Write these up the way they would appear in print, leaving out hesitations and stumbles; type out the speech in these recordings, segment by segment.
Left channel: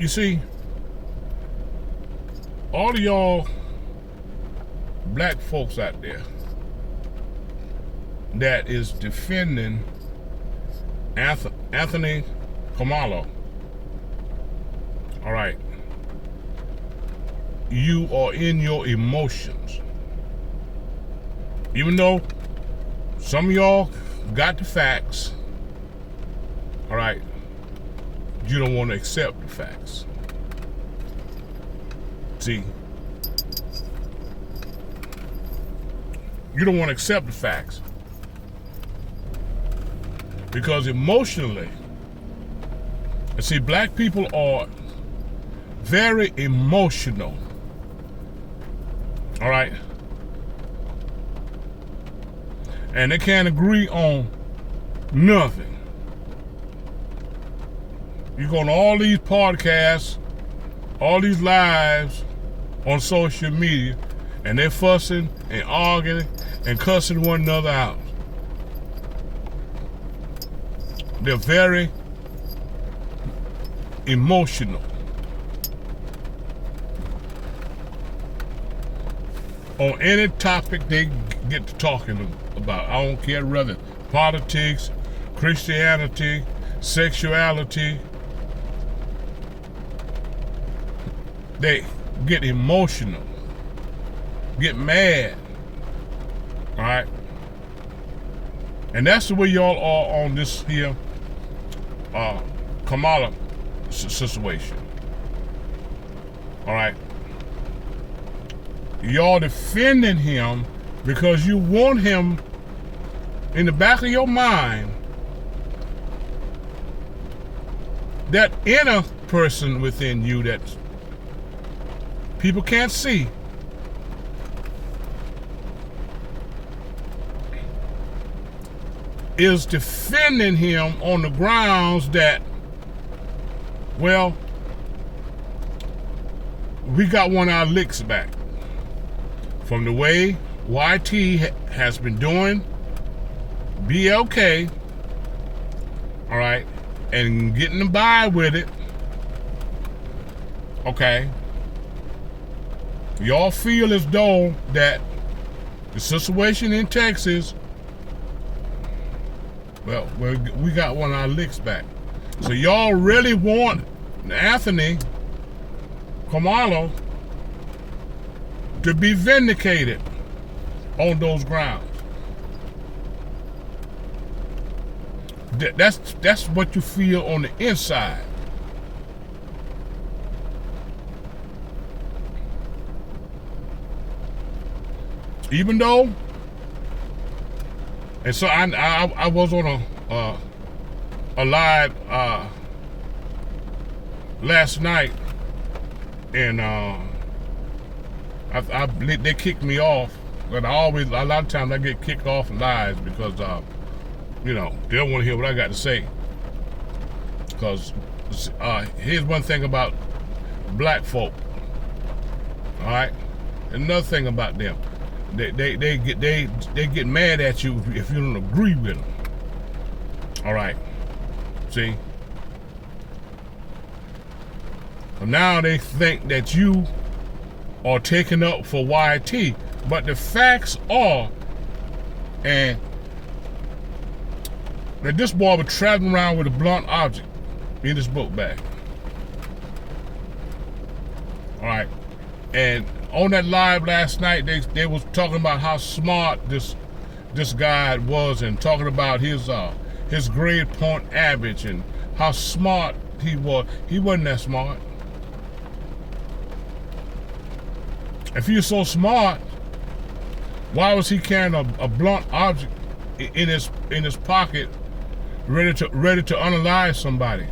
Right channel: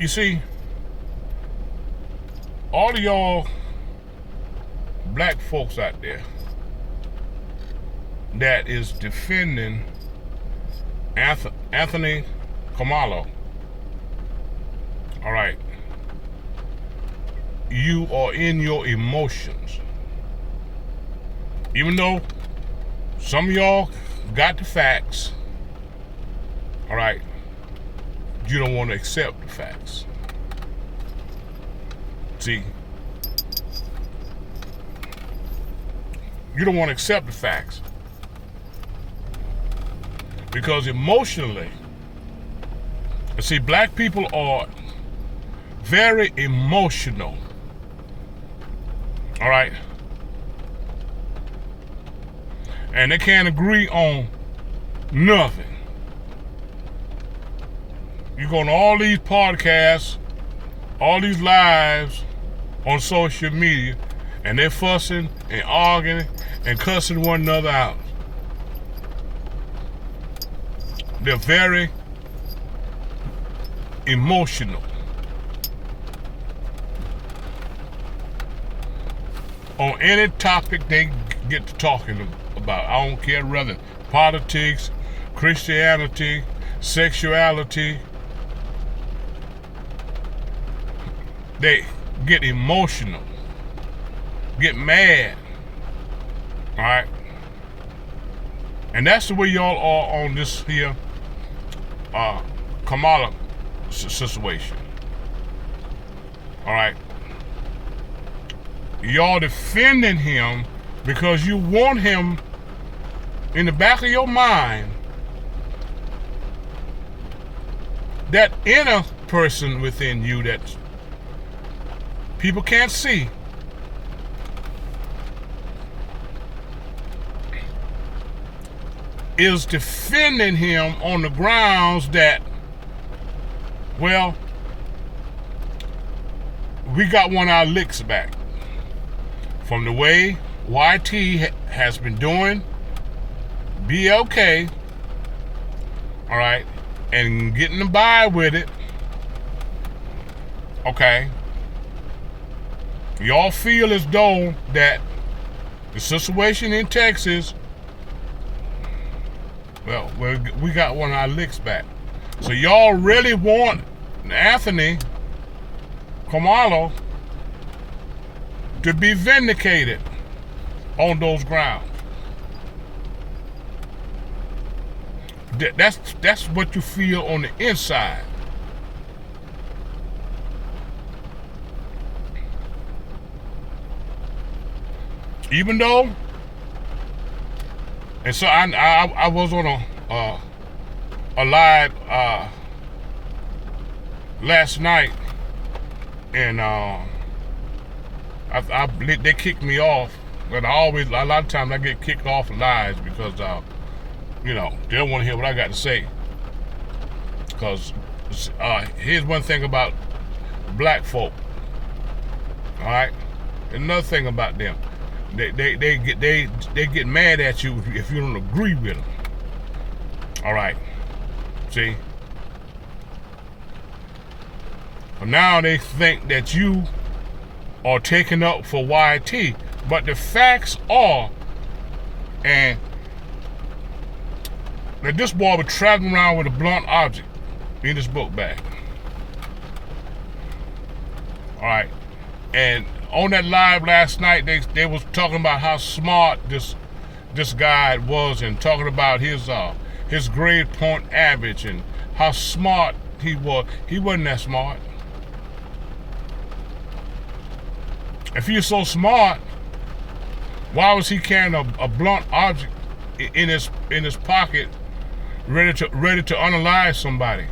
You see, all of y'all black folks out there that is defending Anthony Karmelo, all right, you are in your emotions. Even though some of y'all got the facts, all right, you don't want to accept the facts. See, you don't want to accept the facts because emotionally, see, black people are very emotional, all right, and they can't agree on nothing. You go on all these podcasts, all these lives on social media, and they're fussing and arguing and cussing one another out. They're very emotional. On any topic they get to talking about. I don't care whether politics, Christianity, sexuality. They get emotional, get mad, all right? And that's the way y'all are on this here Kamala situation, all right? Y'all defending him because you want him in the back of your mind, that inner person within you that people can't see, is defending him on the grounds that, well, we got one of our licks back from the way YT has been doing BLK, all right, and getting by with it, okay. Y'all feel as though that the situation in Texas, well, we got one of our licks back. So y'all really want Anthony Karmelo to be vindicated on those grounds. That's what you feel on the inside. Even though, and so I was on a live last night, and they kicked me off. But a lot of times I get kicked off of lives because you know, they don't want to hear what I got to say. Because here's one thing about black folk, all right. Another thing about them. They get mad at you if you don't agree with them. All right, see. So now they think that you are taking up for YT, but the facts are, and that this boy was traveling around with a blunt object in his book bag. All right, and on that live last night, they was talking about how smart this guy was, and talking about his grade point average and how smart he was. He wasn't that smart. If he was so smart, why was he carrying a blunt object in his pocket, ready to unalive somebody?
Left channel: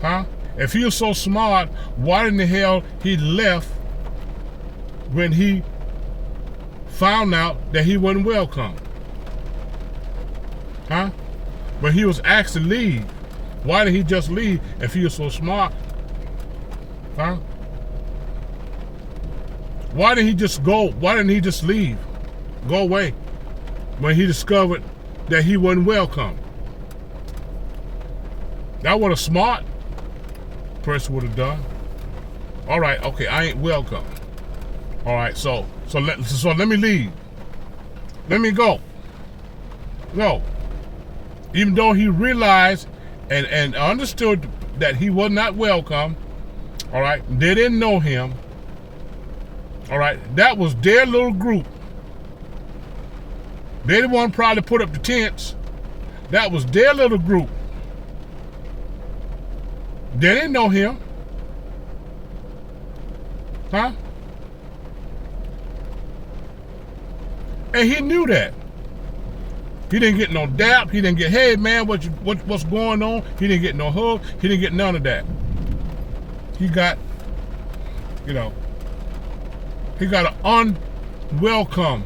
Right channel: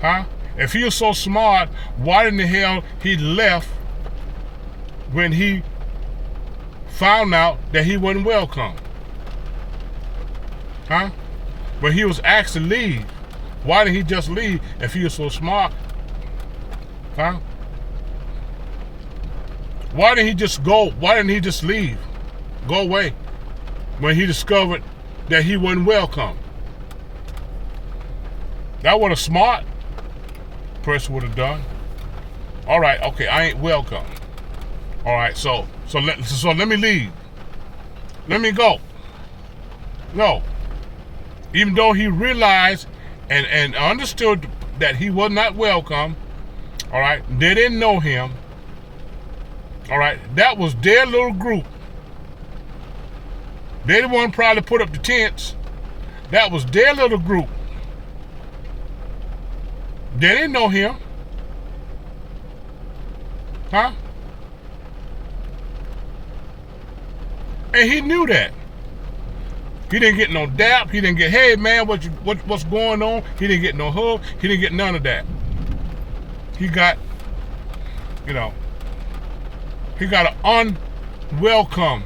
Huh? If he was so smart, why in the hell he left when he found out that he wasn't welcome? Huh? But he was asked to leave. Why didn't he just leave if he was so smart? Huh? Why didn't he just go? Why didn't he just leave? Go away when he discovered that he wasn't welcome? That was smart. person would have done. All right, okay, I ain't welcome. All right, so let me leave. Let me go. No. Even though he realized and understood that he was not welcome, all right, they didn't know him. All right, that was their little group. They the one probably put up the tents. That was their little group. They didn't know him. Huh? And he knew that. He didn't get no dap. He didn't get, hey man, what's going on? He didn't get no hug. He didn't get none of that. He got, he got an unwelcome.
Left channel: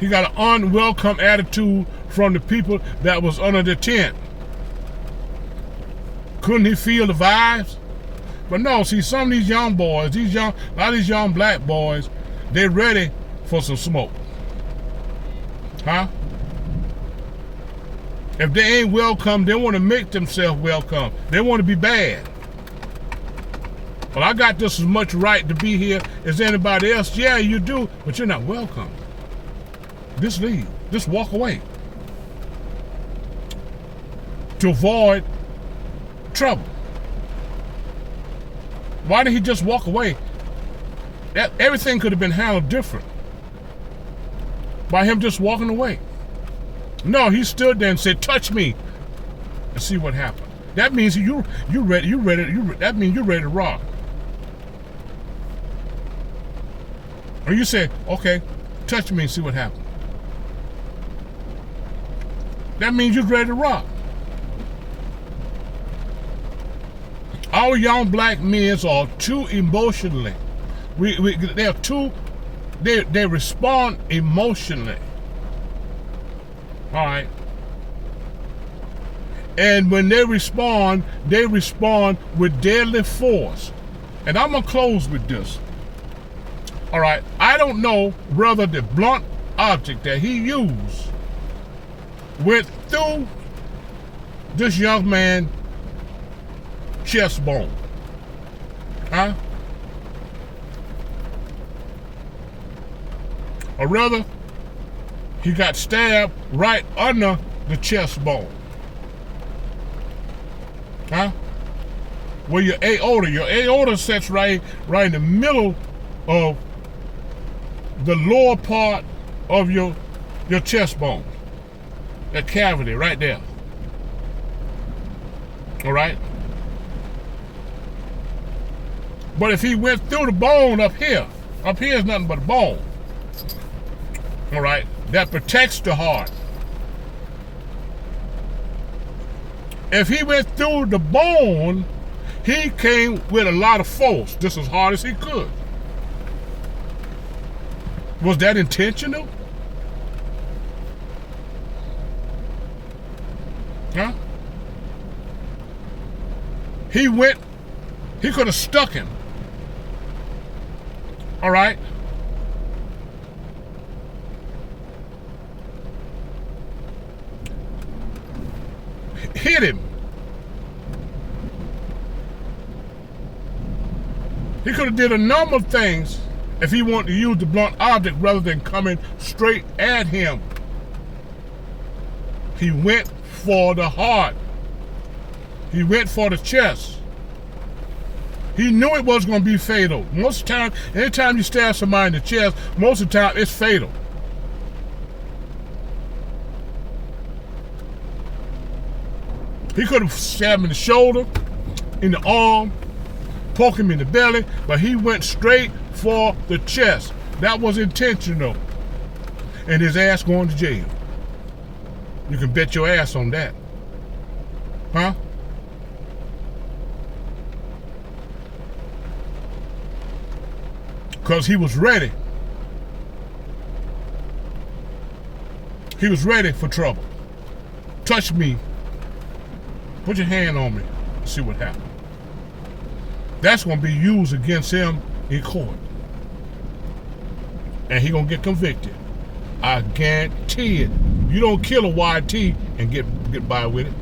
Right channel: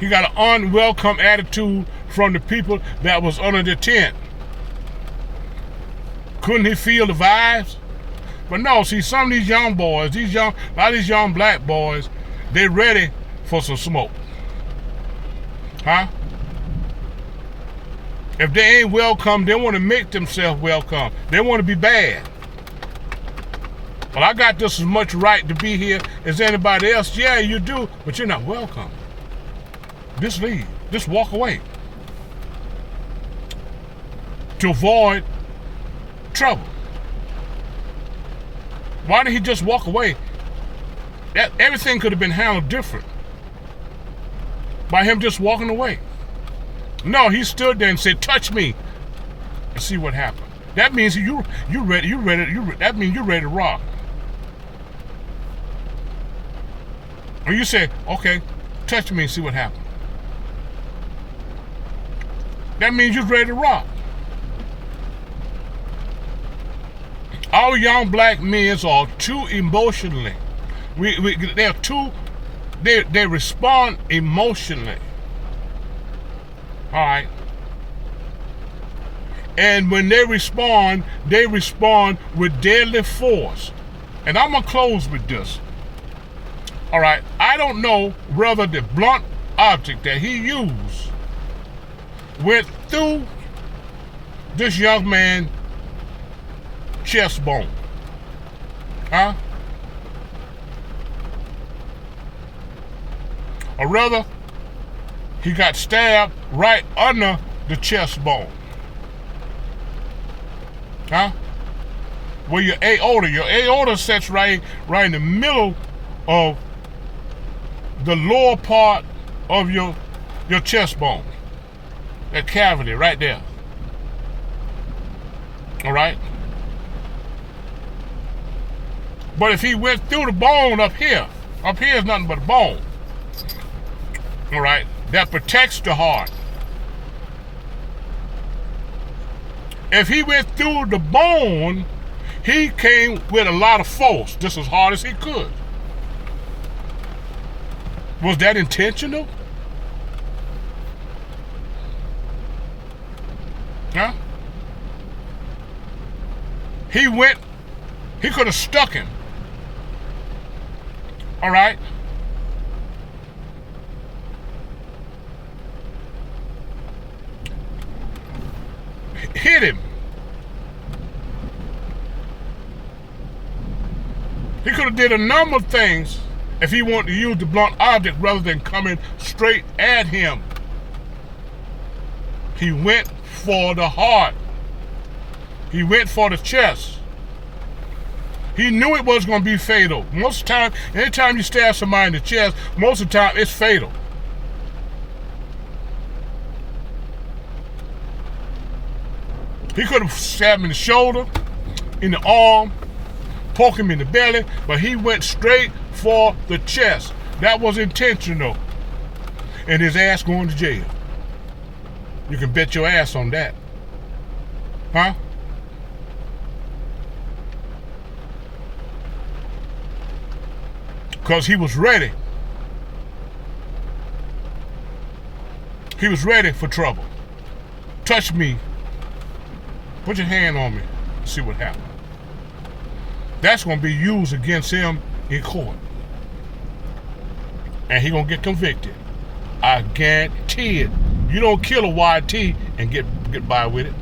He got an unwelcome attitude from the people that was under the tent. Couldn't he feel the vibes? But no, see, some of these young boys, a lot of these young black boys, they ready for some smoke. Huh? If they ain't welcome, they want to make themselves welcome. They want to be bad. Well, I got just as much right to be here as anybody else. Yeah, you do, but you're not welcome. Just leave. Just walk away. To avoid trouble. Why did he just walk away? Everything could have been handled different by him just walking away. No, he stood there and said, touch me and see what happened. That means you ready, that means you're ready to rock. Or you said, okay, touch me and see what happened. That means you're ready to rock. Our young black men are too emotionally. They respond emotionally. All right. And when they respond with deadly force. And I'm gonna close with this. All right. I don't know whether the blunt object that he used went through this young man's chest bone. Huh? Or rather, he got stabbed right under the chest bone. Huh? Where your aorta sits right in the middle of the lower part of your chest bone. That cavity right there. All right? But if he went through the bone up here is nothing but a bone. All right? That protects the heart. If he went through the bone, he came with a lot of force, just as hard as he could. Was that intentional? Huh? He could have stuck him. All right? Hit him. He could have did a number of things if he wanted to use the blunt object rather than coming straight at him. He went for the heart. He went for the chest. He knew it was going to be fatal. Most of the time, anytime you stab somebody in the chest, most of the time it's fatal. He could have stabbed him in the shoulder, in the arm, poke him in the belly, but he went straight for the chest. That was intentional. And his ass going to jail. You can bet your ass on that. Huh? Because he was ready. He was ready for trouble. Touch me. Put your hand on me. See what happens. That's going to be used against him in court. And he going to get convicted. I guarantee it. You don't kill a YT and get by with it.